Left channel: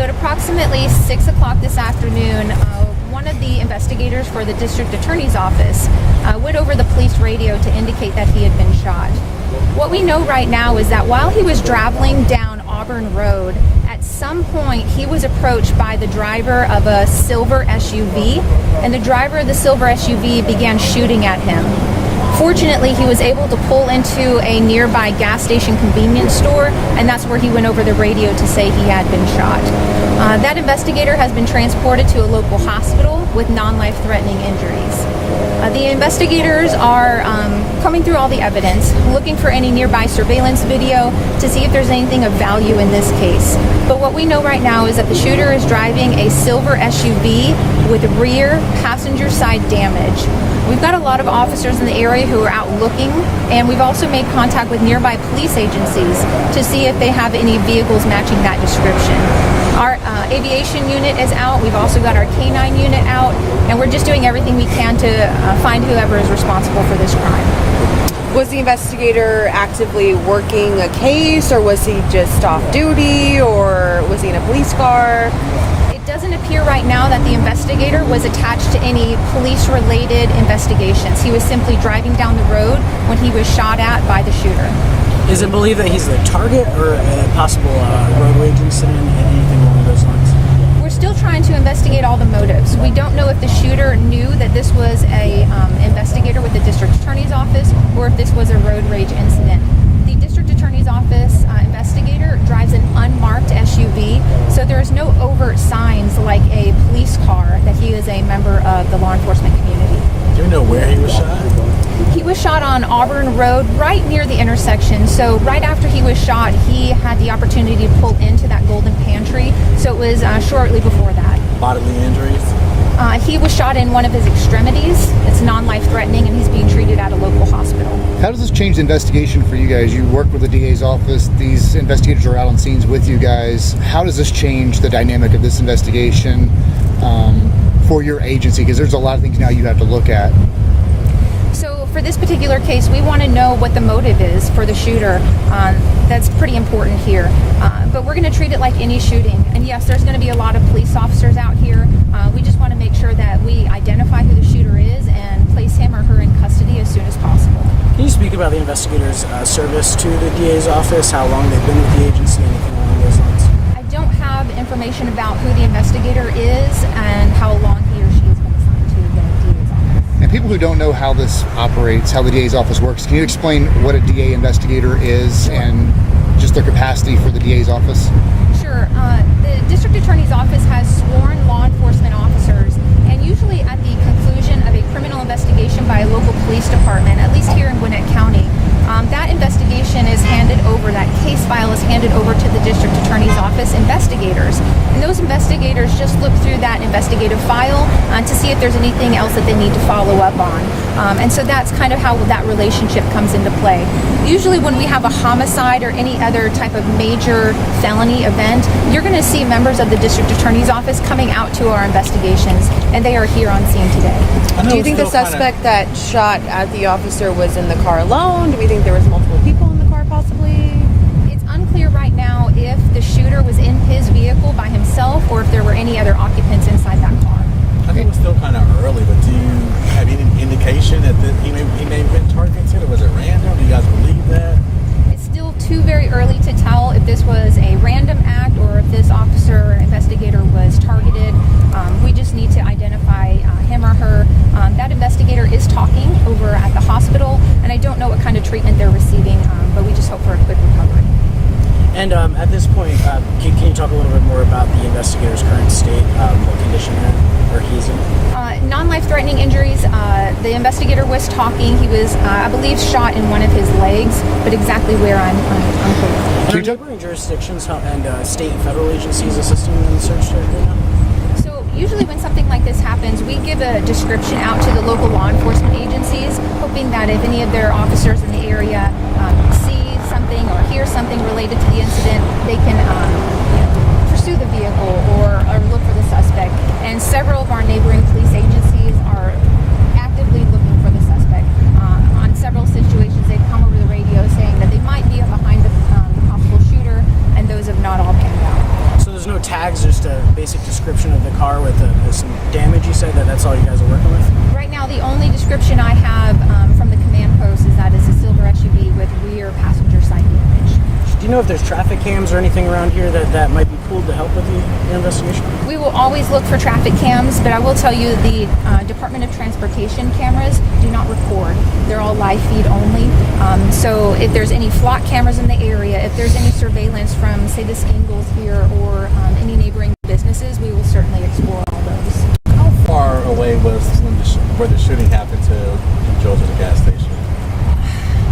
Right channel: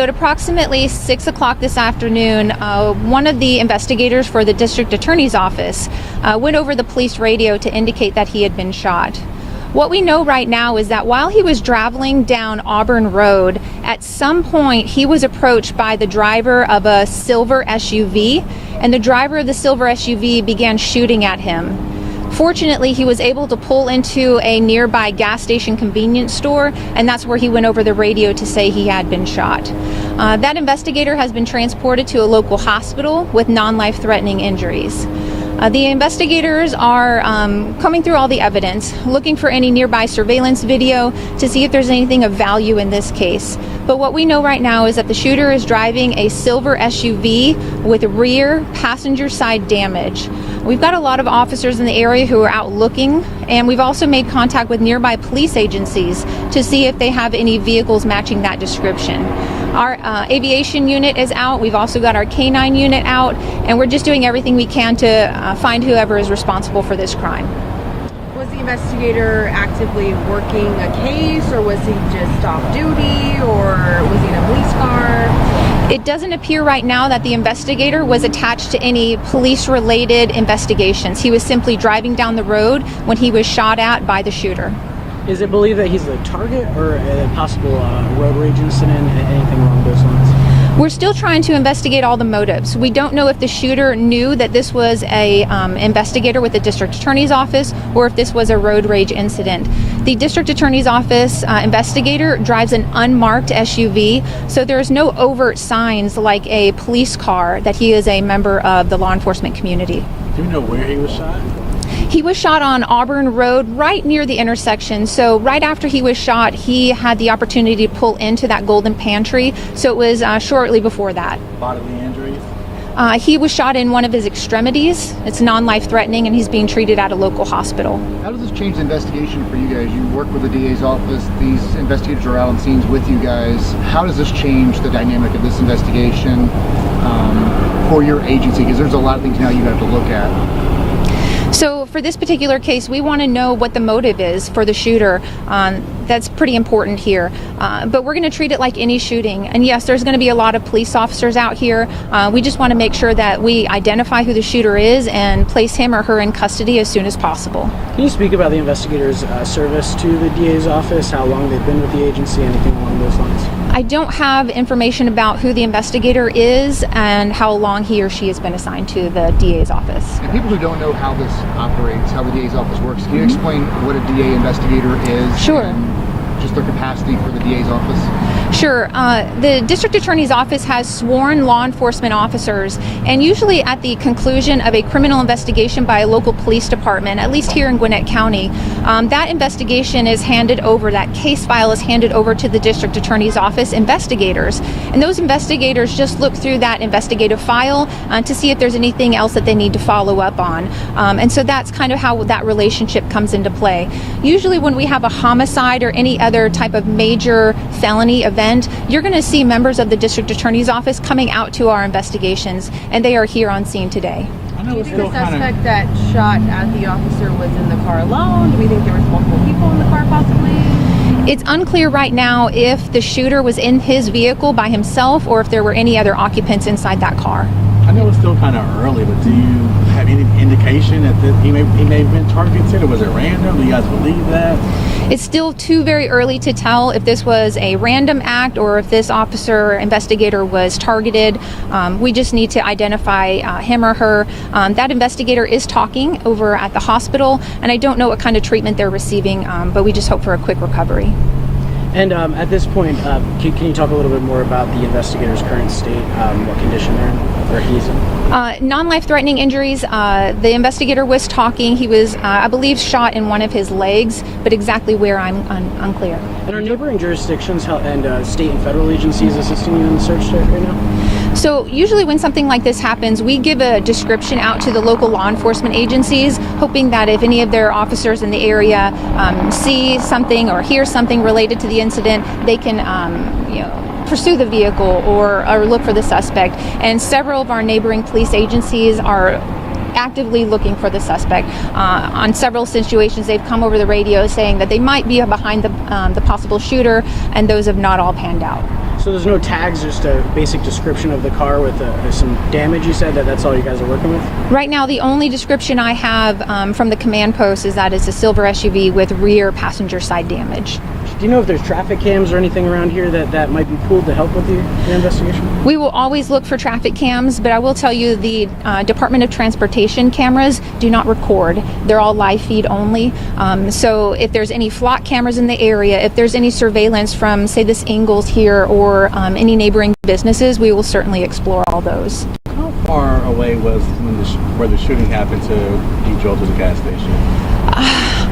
So at approximately 6 o'clock this afternoon, one of the investigators for the district attorney's office went over the police radio to indicate that he had been shot. What we know right now is that while he was traveling down Auburn Road, at some point he was approached by the driver of a silver SUV, and the driver of the silver SUV began shooting at him. Fortunately, he was able to pull into a nearby gas station convenience store, and that's where he went over the radio to say he had been shot. That investigator has been transported to a local hospital with non-life-threatening injuries. The investigators are combing through all the evidence, looking for any nearby surveillance video to see if there's anything of value in this case. But what we know right now is that the shooter is driving a silver SUV with rear passenger side damage. We've got a lot of officers in the area who are out looking, and we've also made contact with nearby police agencies to see if they have any vehicles matching that description. Our aviation unit is out. We've also got our K9 unit out, and we're just doing everything we can to find whoever is responsible for this crime. Was the investigator actively working a case, or was he just off duty, or was he in a police car? It doesn't appear right now that the investigator was attached to any police-related investigations. He was simply driving down the road when he was shot at by the shooter. Is it believed that he's the target, or a possible road rage incident, anything along those lines? We're still trying to investigate all the motives. We don't know if the shooter knew that this was a investigator with the district attorney's office, or if this was a road rage incident. The district attorney's office investigator drives an unmarked SUV, so there's no overt signs like a police car that he is a member of the law enforcement community. Do you know where he was shot? He was shot on Auburn Road, right near the intersection. So right after he was shot, he had the opportunity to pull into that golden pantry. So it was shortly before that. Bodily injuries? He was shot in one of his extremities. It's non-life threatening, and he's being treated at a local hospital. How does this change the investigation for you guys? You work with the DA's office. These investigators are out on scenes with you guys. How does this change the dynamic of this investigation for your agency? Because there's a lot of things now you have to look at. So for this particular case, we want to know what the motive is for the shooter. That's pretty important here. But we're going to treat it like any shooting. And yes, there's going to be a lot of police officers out here. We just want to make sure that we identify who the shooter is and place him or her in custody as soon as possible. Can you speak about the investigator's service to the DA's office, how long they've been with the agency, anything along those lines? I don't have information about who the investigator is and how long he or she has been assigned to the DA's office. And people who don't know how this operates, how the DA's office works, can you explain what a DA investigator is? Sure. And just their capacity for the DA's office? Sure. The district attorney's office has sworn law enforcement officers, and usually at the conclusion of a criminal investigation by a local police department, at least here in Gwinnett County, that investigation is handed over, that case file is handed over to the district attorney's office investigators. And those investigators just look through that investigative file to see if there's anything else that they need to follow up on. And so that's kind of how that relationship comes into play. Usually when we have a homicide or any other type of major felony event, you're going to see members of the district attorney's office coming out to our investigations, and they are here on scene today. Do you think the suspect that shot at the officer was in the car alone? Do you think there was multiple people in the car possibly? It's unclear right now if the shooter was in his vehicle by himself or if there were any other occupants inside that car. I know it's still kind of early, but do you have any indication that he may have been targeted, or was it random? Do you guys believe that? It's still too very early to tell if this was a random act or if this officer or investigator was targeted. We just need to identify him or her. That investigator is talking over at the hospital, and I don't know what kind of treatment they're receiving, but we just hope for a quick recovery. And at this point, can you talk a little bit more about the investigator's current state, what condition they're in, or he's in? Non-life-threatening injuries. The investigator was talking. He was, I believe, shot in one of his legs, but exactly where I'm unclear. And are neighboring jurisdictions and state and federal agencies assisting you in the search right now? So usually when something like this happens, we give a description out to the local law enforcement agencies, hoping that if any of their officers in the area see something or hear something related to the incident, they can pursue the vehicle or look for the suspect. And several of our neighboring police agencies are actively looking for the suspect. On several situations, they've come over the radio saying that they might be behind the possible shooter, and those have not all panned out. So there's no tags, just a basic description of the car with some damage. You said that's all you guys are working with? Right now, the only description I have from the command post is that it's a silver SUV with rear passenger side damage. Do you know if there's traffic cams or anything around here that might be pulled to help with your investigation? We will always look for traffic cams, but I will tell you the Department of Transportation cameras do not record. They're all live feed only. So if there's any flock cameras in the area, if there's any surveillance from, say, this Ingalls here or any neighboring businesses, we will certainly explore all those. How far away was where the shooting happened to you drove to the gas station?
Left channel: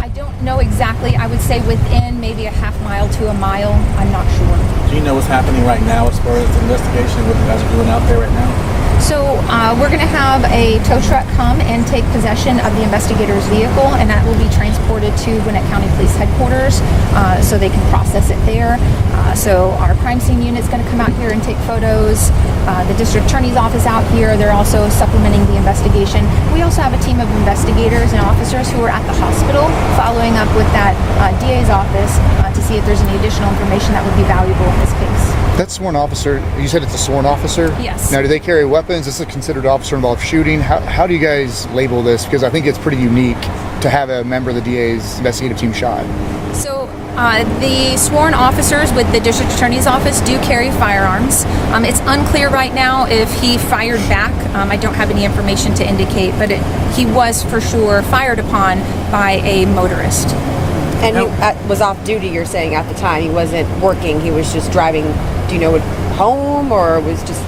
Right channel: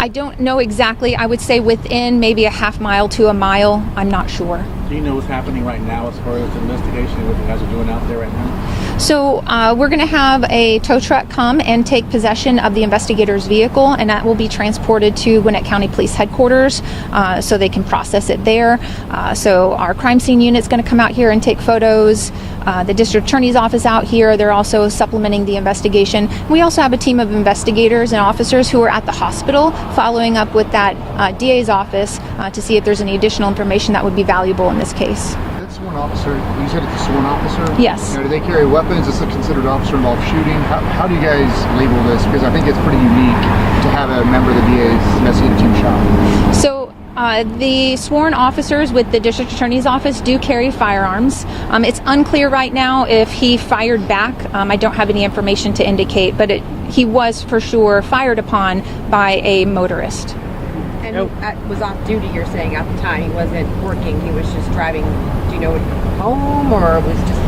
I don't know exactly. I would say within maybe a half mile to a mile. I'm not sure. Do you know what's happening right now as far as the investigation, what you guys are doing out there right now? So we're going to have a tow truck come and take possession of the investigator's vehicle, and that will be transported to Gwinnett County Police Headquarters so they can process it there. So our crime scene unit's going to come out here and take photos. The district attorney's office out here, they're also supplementing the investigation. We also have a team of investigators and officers who are at the hospital following up with that DA's office to see if there's any additional information that would be valuable in this case. That sworn officer, you said it's a sworn officer? Yes. Now, do they carry weapons? Is this considered officer-involved shooting? How do you guys label this? Because I think it's pretty unique to have a member of the DA's investigative team shot. So the sworn officers with the district attorney's office do carry firearms. It's unclear right now if he fired back. I don't have any information to indicate, but he was for sure fired upon by a motorist. And he was off duty, you're saying, at the time. He wasn't working. He was just driving, do you know, home, or was just...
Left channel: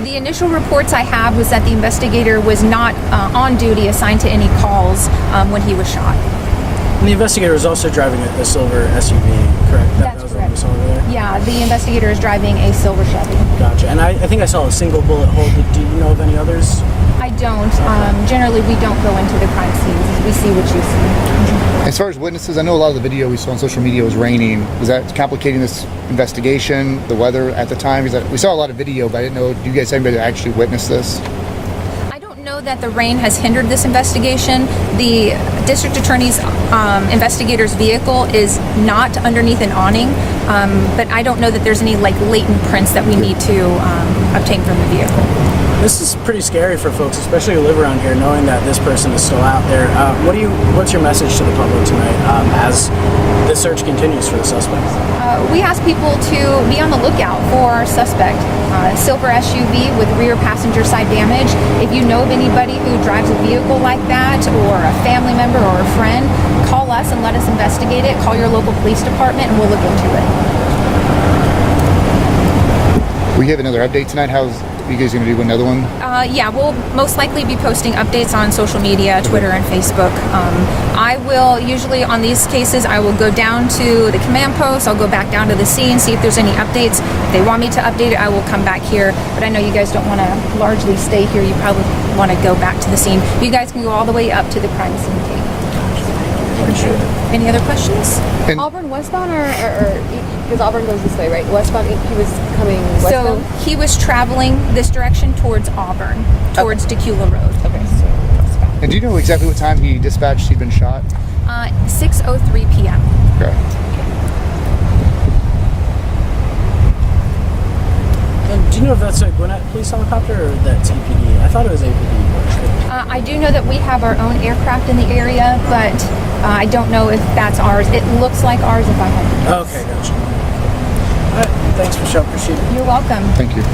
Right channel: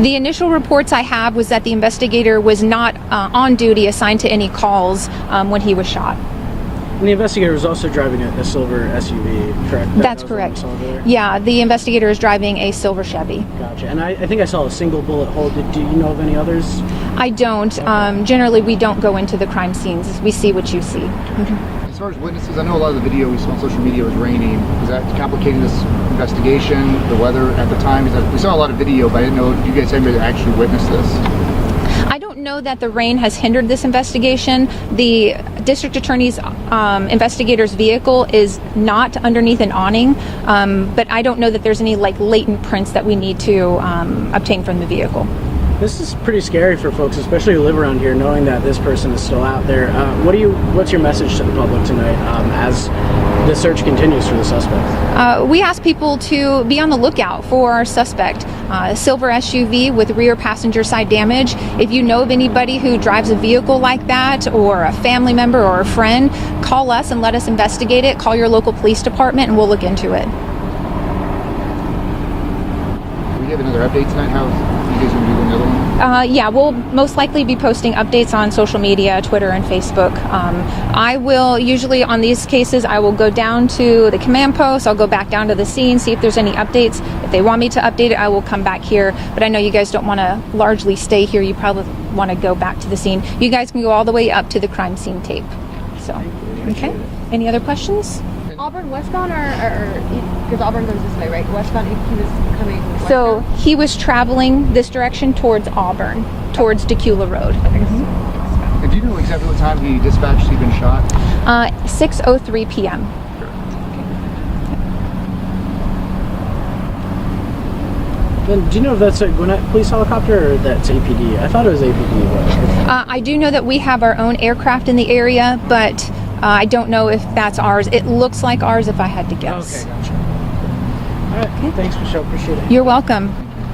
The initial reports I have was that the investigator was not on duty, assigned to any calls when he was shot. And the investigator was also driving a silver SUV, correct? That's correct. Yeah, the investigator is driving a silver Chevy. Gotcha. And I think I saw a single bullet hole. Do you know of any others? I don't. Generally, we don't go into the crime scenes. We see what you see. As far as witnesses, I know a lot of the video we saw on social media was raining. Is that complicating this investigation, the weather at the time? We saw a lot of video, but I didn't know if you guys had anybody that actually witnessed this. I don't know that the rain has hindered this investigation. The district attorney's investigator's vehicle is not underneath an awning, but I don't know that there's any latent prints that we need to obtain from the vehicle. This is pretty scary for folks, especially who live around here, knowing that this person is still out there. What's your message to the public tonight as the search continues for the suspect? We ask people to be on the lookout for our suspect. Silver SUV with rear passenger side damage. If you know of anybody who drives a vehicle like that, or a family member or a friend, call us and let us investigate it. Call your local police department and we'll look into it. We have another update tonight. How's you guys going to do another one? Yeah, we'll most likely be posting updates on social media, Twitter and Facebook. I will usually, on these cases, I will go down to the command post, I'll go back down to the scene, see if there's any updates. If they want me to update it, I will come back here. But I know you guys don't want to largely stay here. You probably want to go back to the scene. You guys can go all the way up to the crime scene tape. Any other questions? And Auburn westbound, or because Auburn goes this way, right? Westbound, he was coming westbound? So he was traveling this direction towards Auburn, towards Dacula Road. and do you know exactly what time he dispatched he'd been shot? 6:03 p.m. Okay. And do you know if that's a Gwinnett Police helicopter or that's APD? I thought it was APD. But I do know that we have our own aircraft in the area, but I don't know if that's ours. It looks like ours if I had to guess. okay, gotcha. All right, thanks, Michelle. Appreciate it. You're welcome. Thank you.